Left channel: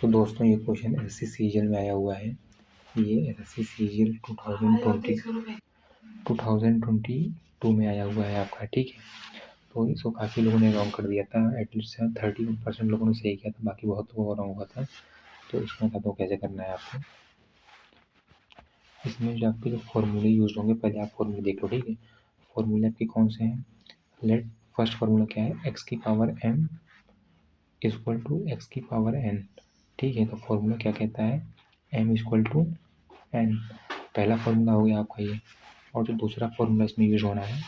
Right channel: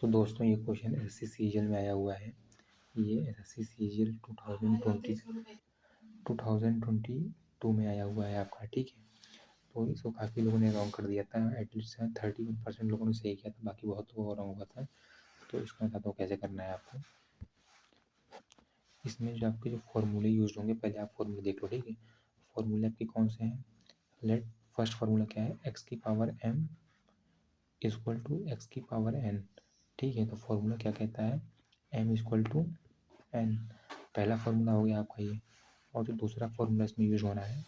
तो दोस्तों ये क्वेश्चन एसएससी सीजीएल में आया हुआ है। ये एसएससी सीजीएल 2022 में आया हुआ है आपका, ठीक है। तो इसको काफ़ी लोगों ने रॉन्ग कर दिया था, एटलीस्ट 31% लोगों ने सही किया था, बाकी बहुत लोगों का रॉन्ग हुआ था। तो इसमें बताता हूँ कैसे करना है आपको। इसमें जो आपके जो फॉर्मूले यूज होंगे, पहले आप फॉर्मूले देख लो, ठीक है। फॉर्मूले आपके कौन से हैं? लेट फर्स्ट फार्मूला क्या है? एक्स की power m equal to x की पावर n, ठीक है। तो फॉर्मूला क्या कहता है? m इक्वल टू n, पहला फार्मूला हो गया आपका ये। और जो दूसरा फार्मूला इसमें यूज होना है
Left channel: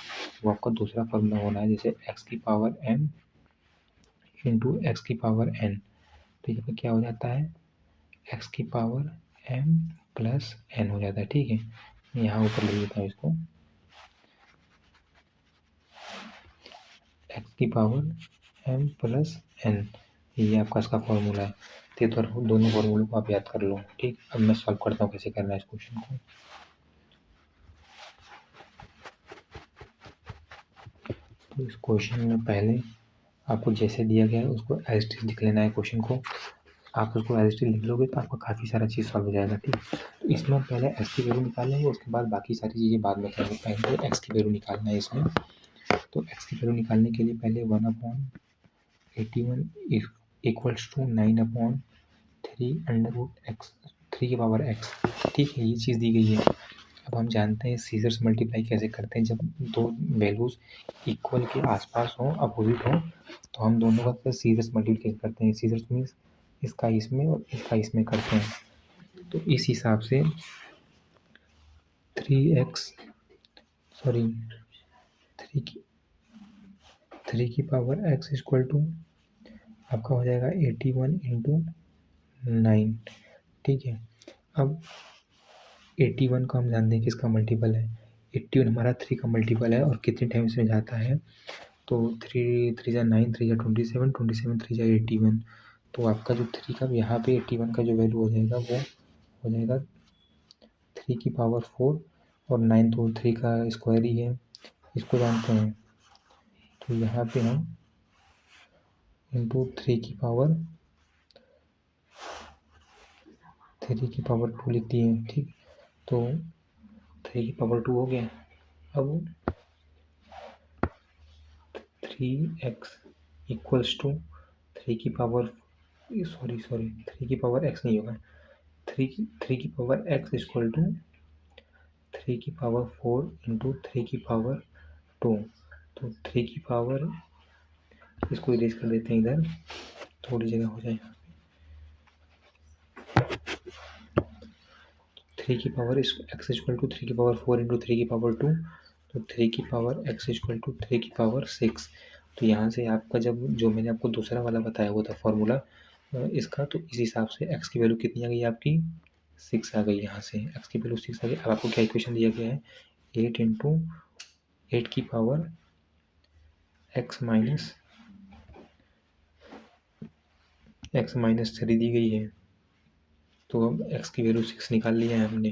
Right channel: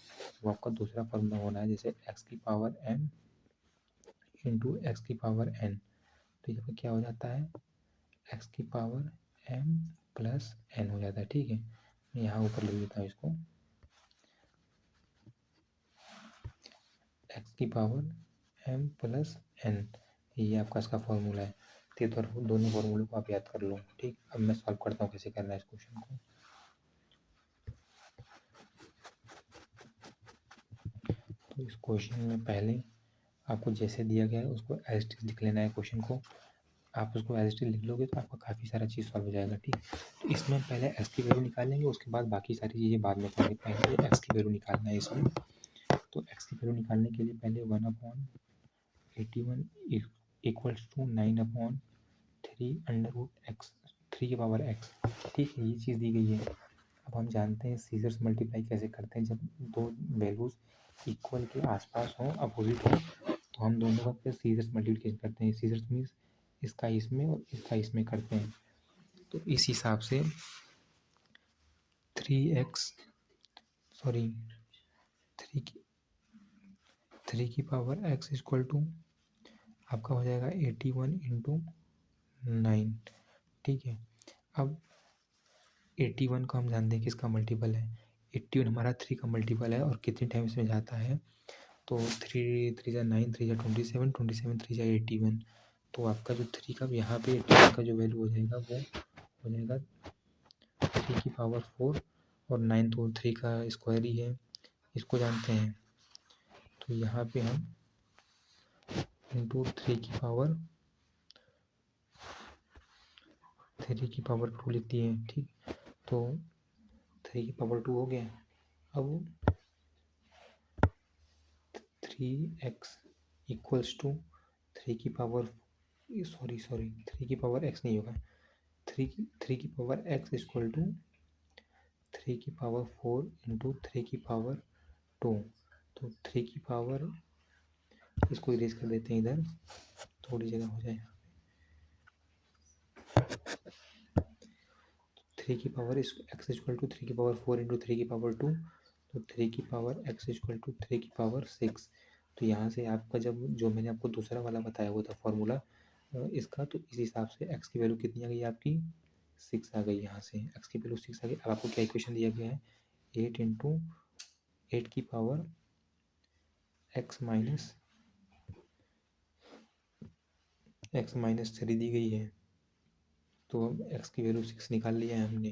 वो आपका दूसरा फार्मूला होना है, जैसे एक्स की पावर m इंटू एक्स की पावर n। तो यहाँ पे क्या हो जाता है? एक्स की पावर m प्लस n हो जाता है, ठीक है। यहाँ ऊपर लिख देता हूँ इसको, एक्स की पावर m प्लस n, ये आपका इसका फॉर्मूला है। तो दोनों फॉर्मूलों को आप याद कर लो, ठीक। अब मैं सॉल्व करता हूँ कैसे करना है इस क्वेश्चन को। तो इस क्वेश्चन में पहले आपको जैसे दिया गया है उसको एज इट इज लिख लेना है क्वेश्चन को। आप उसको एज इट इज लिख लोगे तो आपका काफ़ी सारा चीज़ सॉल्व हो जाएगा, ठीक। तो इसमें हम पहले एक्स की वैल्यू निकालेंगे, उसके बाद बाकी सारी चीज़ें बाद में करेंगे। पहले तो एक्स की वैल्यू निकालना है इसमें। तो एक्स की वैल्यू निकालने के लिए पहले 1/81 इक्वल्स टू 9/3 3 की पावर एक्स, ठीक है। ये चीज़ दी गई है। अब हम जानते हैं सीजर्स मल्टीप्लाई कैसे करते हैं। जब दो वैल्यूज़ इक्वल के आसपास हों, अपोजिट हों, तो हम दोनों का फिर सीजर्स मल्टीप्लाई करते हैं। सीजर्स मीन्स इसका इसमें और इसका इसमें करते हैं। तो इस हिसाब से 3 की पावर एक्स इक्वल टू आपका हो जाएगा 81 इंटू 9, ठीक है। अब 81 को हम जानते हैं किसका मल्टीपल है? 81 हमारा 3 का मल्टीपल है और कितने टाइम्स में जाता है? तो 3 3 जा 9, 3 जा 27, 27 3 जा 81। तो आपका जो 3 का यहाँ पे 81 का जो वैल्यू हो जाएगा वो हो जाएगा 3 की पावर 4, और 9 तो 3 का स्क्वायर ही है, इसको जानते हैं। तो यहाँ पे हम इंटू 3 की पावर 2 लिख दिए, ठीक। तो 3 की पावर 2 हो गया। अब 3x इक्वल्स टू 3 की पावर 3 की पावर x नहीं होगा, 3 की पावर x इक्वल टू 3 की पावर 4 इंटू 3 की पावर 2। तो 3 की पावर, इसको इरेज कर देते हैं इधर, थोड़ी जगह हो जाएगा। 3 की पावर x इक्वल टू 3 की पावर 4 इंटू 3 की पावर 2। तो 3 की पावर x इक्वल टू 3 की पावर 6। तो यहाँ से आपका जब जो मैंने आपको दूसरा वाला बताया हुआ था फॉर्मूला इसका, तो इस हिसाब से x की वैल्यू कितनी आ गई आपकी? 6 आ गई। यहाँ से x की वैल्यू 6 आ गई। अब आपको क्या इक्वेशन दिया गया है? 8 इंटू 8 की पावर x माइनस 3 दी गई है। तो अब x की वैल्यू 6 निकाल लिया है हमने।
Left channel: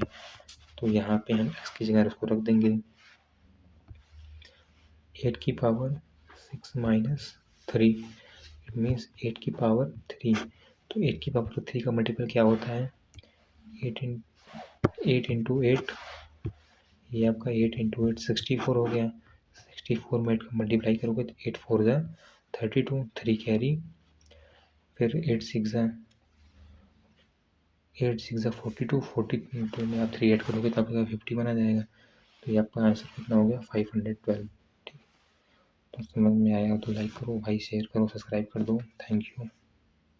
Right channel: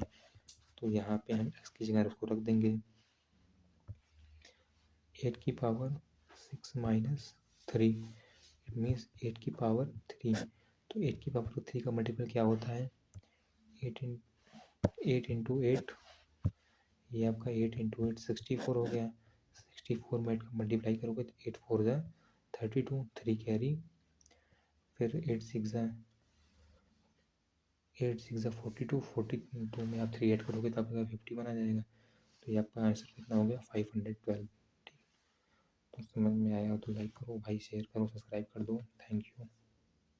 तो यहाँ पे हम x की जगह उसको रख देंगे 8 की पावर 6 माइनस 3, इट मीन्स 8 की पावर 3। तो 8 की पावर 3 का मल्टीपल क्या होता है? 8 इंटू 8, ये आपका 8 इंटू 8 64 हो गया। 64 में 8 का मल्टीप्लाई करोगे तो 8 4 जा 32, 3 कैरी, फिर 8 6 जा 42, 42 में आप 3 ऐड करोगे तो आपका 51 आ जाएगा। तो ये आपका आंसर कितना हो गया? 512, ठीक। तो समझ में आया तो लाइक करो भाई, शेयर करो, सब्सक्राइब कर दो। Thank you.